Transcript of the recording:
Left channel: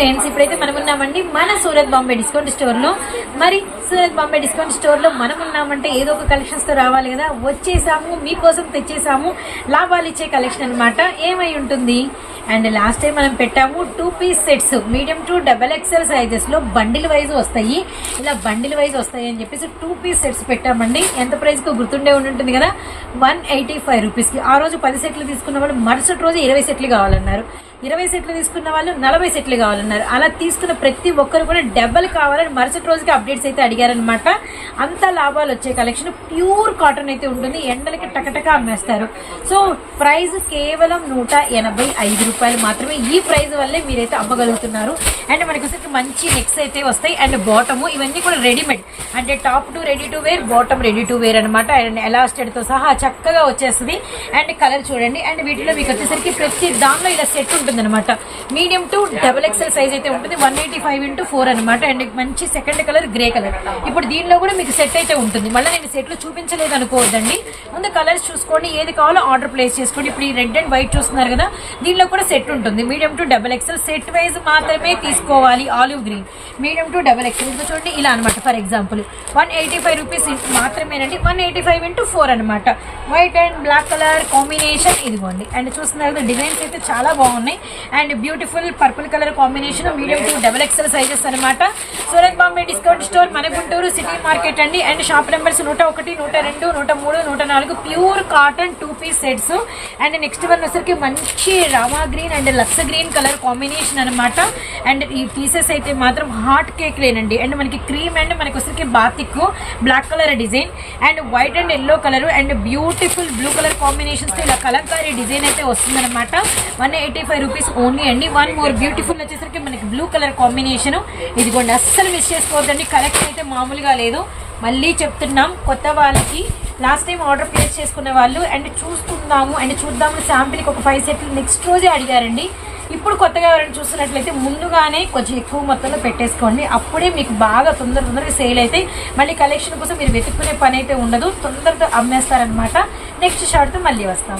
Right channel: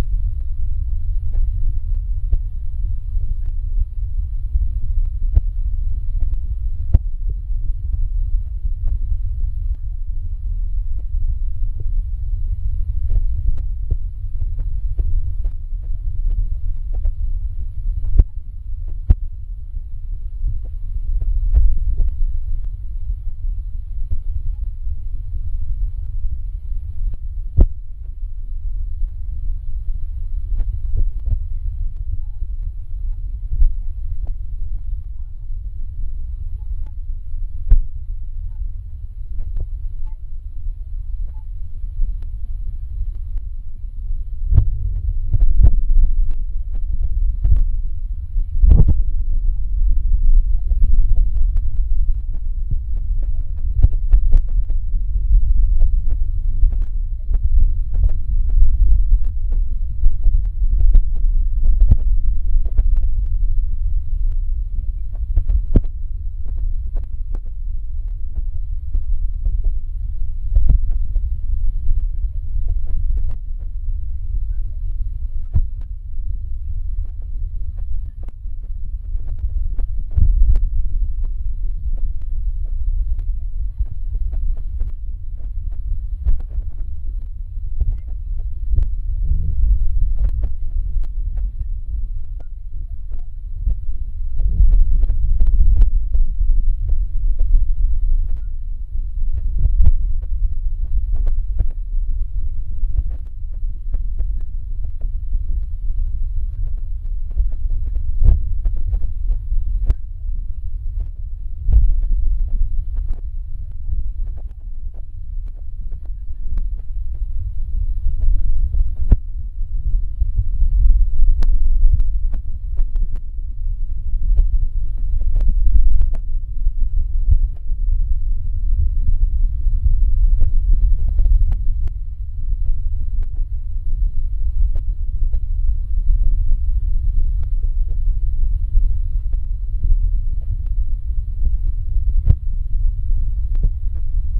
Friends, ఇప్పుడైతే మనం ఉన్నామండి మన సూరత్ బాంబే డిస్కౌంట్ స్టోర్ లో. మరి సూరత్ బాంబే డిస్కౌంట్ స్టోర్ లో మనం ఉన్నామంటే ఏదో ఒక కలెక్షన్స్ తో రావాలి కదా. వచ్చేసాము, మీకోసం తెచ్చేసాము లాభాలు ఇచ్చే కలెక్షన్ అనమాట. ఏమై ఉంటుంది అండ్ లాస్ట్ టైం మనం పెట్టాము 2 piece sets medium to XXL sizes లో బండిల్ వైజ్ వస్తాయి. ఇలా బండిల్ వైజ్ వస్తాయి అని చెప్పేసి 2 పీస్ సెట్స్ పెట్టామండి. ఎంత ప్రైస్ కు గుర్తుండే ఉంటుంది కదా, 185 రూపీస్ కి. ఆ రోజు 10 సెట్లు తీసుకున్న వాళ్ళు మరుసటి రోజు 20 సెట్లు కావాలన్నారు, 20 సెట్లు తీసుకున్న వాళ్ళు 40 సెట్లు కావాలన్నారు. అలా తీసుకున్న ప్రతి ఒక్కరు కూడా డబల్ కావాలని మరుసటి రోజుకి అప్డేట్స్ అయితే అడిగారనమాట. అంత లాభాలు వచ్చే కలెక్షన్ ప్యూర్ కాటన్ అయితే ఉంటుంది. ఎండలకి టకటక అమ్మేస్తారు. సో ప్రైస్ కేవలం 185 రూపాయలు మాత్రమే. ఈ ప్రైస్ వల్లే మీరైతే అమ్మగలుగుతున్నారు. అండ్ మనకి మంచి నెక్స్ అయితే వస్తాయి. అండ్ బాటము ఇవన్నీ కూడా రెడీమేడ్, అంటే top to ready to wear, bottom ready to wear అనమాట. అండ్ ఎలాస్టెడ్ తో సహా చక్కగా వచ్చేస్తుంది. అండ్ కలర్ చూడండి. అండ్ వీటిలో మీకు వచ్చేసరికి ప్రతి దానిలో ఇలా సెట్ ఉంటుంది అనమాట. మీడియం టు XXL సైజ్ అయితే ఉంటుంది. 185x4 అనమాట. అండ్ మంచి సెకండ్ కలర్ గ్రే కలర్. ఇప్పుడు దీనిలో కూడా మీకు సెట్ అయితే ఉంటుంది. మళ్ళీ నేను సెట్లు చూపించలేదు అనుకోవద్దండి. ముందు కలర్స్ చూసుకోండి, ఏది కావాలో ఆర్డర్ ప్లేస్ చేసుకోండి. ఇప్పుడు ఈ రెడ్ అండ్ వైట్ చూస్తున్నారు కదా, దీనిలో కూడా సెట్ ఉంటుంది. Medium to XXL set wise మాత్రమే తీసుకోవాలి. Olive green medium to XXL. ఇంకా చూడండి ఇలా అనమాట. ఫర్ ఎగ్జాంపుల్ 185 రూపీస్ మాత్రమేనండి. 185x4 అనమాట. White and black colour combination ఇదిగోండి. అండ్ చూస్తున్నారు కదా, డిజైన్స్ అయితే చాలా బాగున్నాయి. And beautiful purple colour combination, medium to XXL sizes అనమాట. సూరత్ బాంబే డిస్కౌంట్ స్టోర్, మన గుంటూరు సిటీ మార్కెట్ అండి. And shop numbers 101, 102, 103, 104. Pure cotton 2 piece sets. And next one వచ్చరికి మంచి రామా గ్రీన్ అండ్ లక్స్ గ్రీన్ కలర్ కాంబినేషన్ అనమాట. అండ్ ఈ పీసెస్ అయితే మాత్రం హాట్ కేక్ లేనండి. అండ్ మనకి క్రీమ్ అండ్ మనకి వచ్చరికి batik black colour design and white and yellow colour and beautiful blue colour combinations తో ఇలా కలంకారీ డిజైన్ అయితే వస్తుందన్నమాట. 185 రూపీస్ ఓన్లీ అండి. వన్ మోర్ బ్యూటిఫుల్ వచ్చేసరికి మనకి బ్లూ కలర్ కాంబినేషన్. ఇదిగోండి, అస్సలు మిస్ చేసుకోవద్దండి. కలెక్షన్ అయితే మామూలుగా లేదు. మళ్ళీ చెప్తున్నాం కొత్త వాళ్ళకి, లాస్ట్ టైం ఆర్డర్ ప్లేస్ చేసుకునే వాళ్ళు అండ్ చూసుకుందాము అండ్ చూద్దాము శాంపిల్కి ఒక 5 సెట్లు నెక్స్ట్ రోజే అడిగారండి. ఇప్పుడు కొత్తగా ఎవరైనా చూస్తున్నట్లయితే ముందుగానే కొంచెం ఎక్కువ మొత్తంలో పెట్టేసుకోండి. అప్పుడే మీకు బాగా తొందరగా సేల్ అయితే మళ్ళీ కలెక్షన్ కోసం మీరు వెతుక్కునే పని అయితే ఉండదు. తొందరగా అమ్మేస్తారనమాట. నెక్స్ట్ షార్ట్తో మళ్ళీ వస్తాం.